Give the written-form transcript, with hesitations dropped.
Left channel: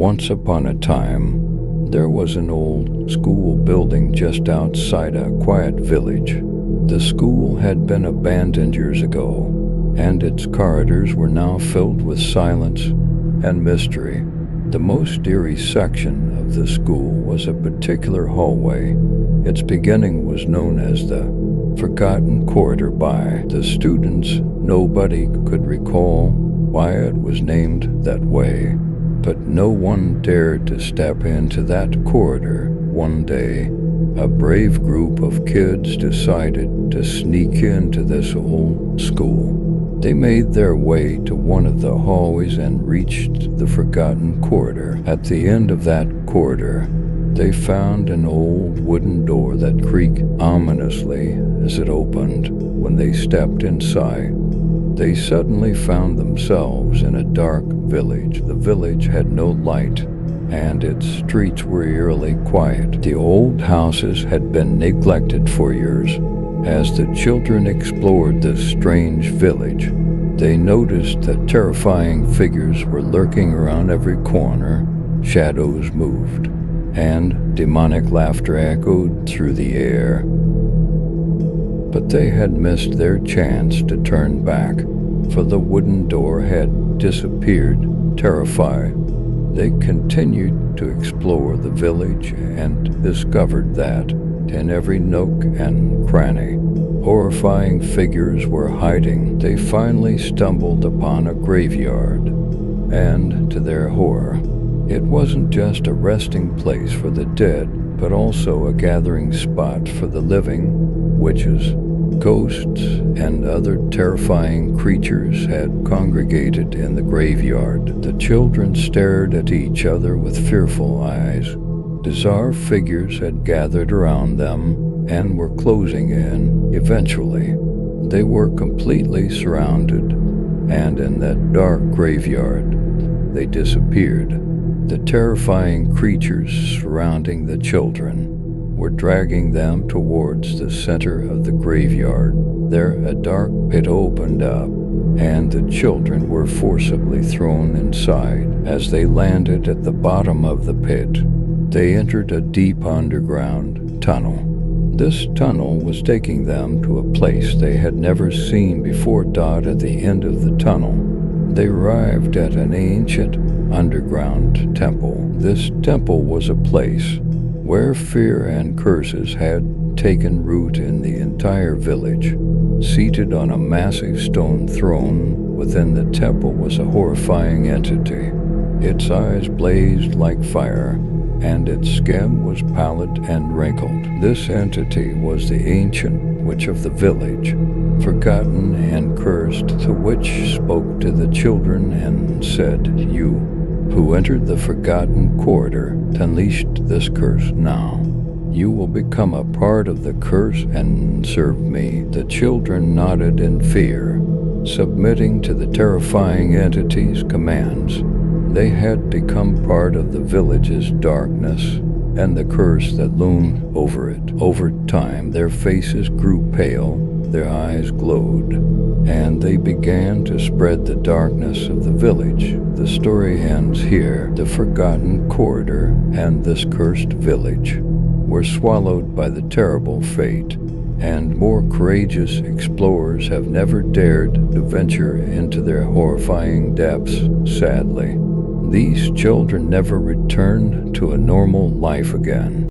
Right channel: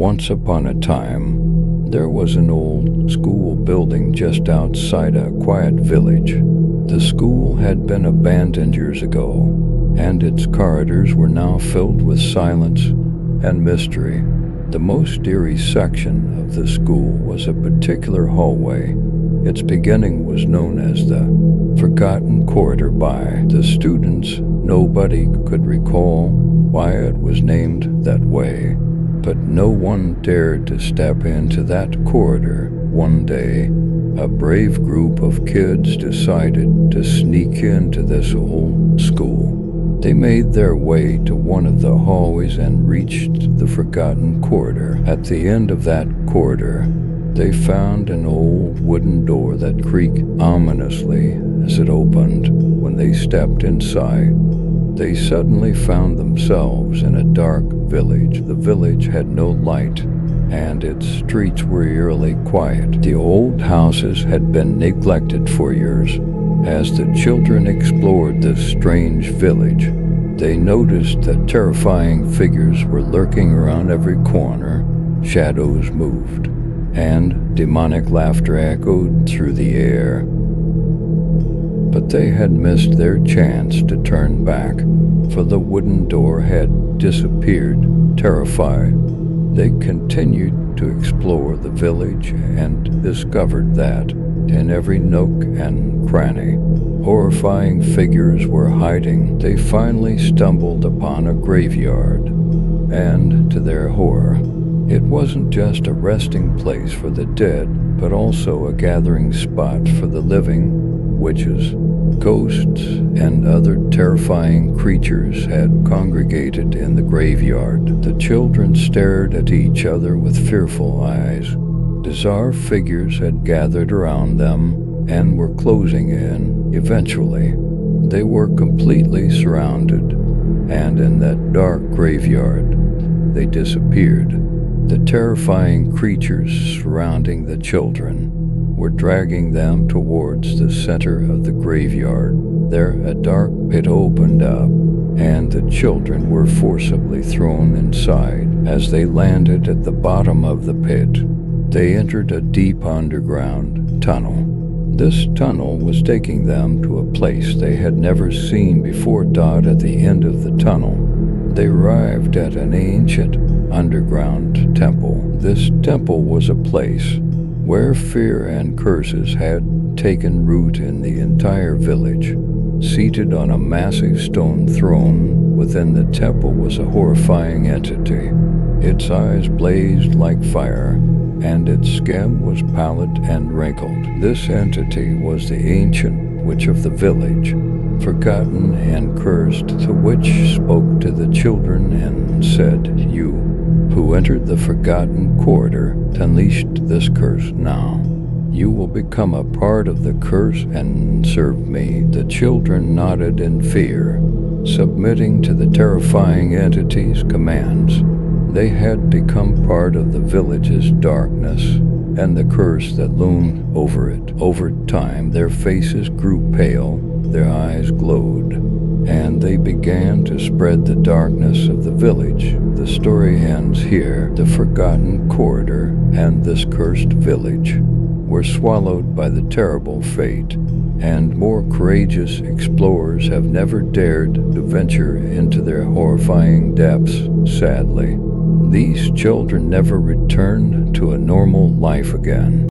Once upon a time, there was an old school building just outside a quiet village. The school had been abandoned years ago, and its corridors were now filled with silence and mystery. The most eerie section of the school was a particular hallway. Its beginning was known as the Forgotten Corridor by the students. Nobody could recall why it was named that way, but no one dared to step into that corridor. One day, a brave group of kids decided to sneak into this old school. They made their way to one of the hallways and reached the Forgotten Corridor. At the end of that corridor, they found an old wooden door that creaked ominously as it opened. When they stepped inside, they suddenly found themselves in a dark village. The village had no light, and its streets were eerily quiet. The old houses had been neglected for years. As the children explored this strange village, they noticed that terrifying figures were lurking around every corner. Shadows moved, and demonic laughter echoed through the air. But they had missed their chance to turn back, for the wooden door had disappeared. Terrified, they continued to explore the village and discovered that in every nook and cranny, horrifying figures were hiding. They finally stumbled upon a graveyard, and to their horror, it wasn't just a resting place for the dead, but also a gathering spot for the living. Witches, ghosts, and other terrifying creatures had congregated in the graveyard. The children stared at each other with fearful eyes. Bizarre figures had gathered around them and were closing in. Eventually, they were completely surrounded, and in that dark graveyard, they disappeared. The terrifying creatures surrounding the children were dragging them towards the center of the graveyard. There, a dark pit opened up, and the children were forcibly thrown inside. As they landed at the bottom of the pit, they entered a deep underground tunnel. This tunnel was taking them to a place they had never seen before. At the end of the tunnel, they arrived at an ancient underground temple. This temple was a place where fear and curses had taken root in the entire village. Seated on a massive stone throne within the temple was a horrifying entity. Its eyes blazed like fire, and its skin was pallid and wrinkled. This entity was the ancient witch of the village, forgotten and cursed. The witch spoke to the children and said, "You who entered the Forgotten Corridor unleashed this curse. Now you will become a part of the curse and serve me." The children nodded in fear, submitting to the terrifying entity's commands. They had become part of the village's darkness and the curse that loomed over it. Over time, their faces grew pale, their eyes glowed, and they began to spread the darkness of the village. The story ends here. The Forgotten Corridor and this cursed village were swallowed by the terrible fate, and more courageous explorers have never dared to venture into their horrifying depths. Sadly, these children never returned to a normal life again.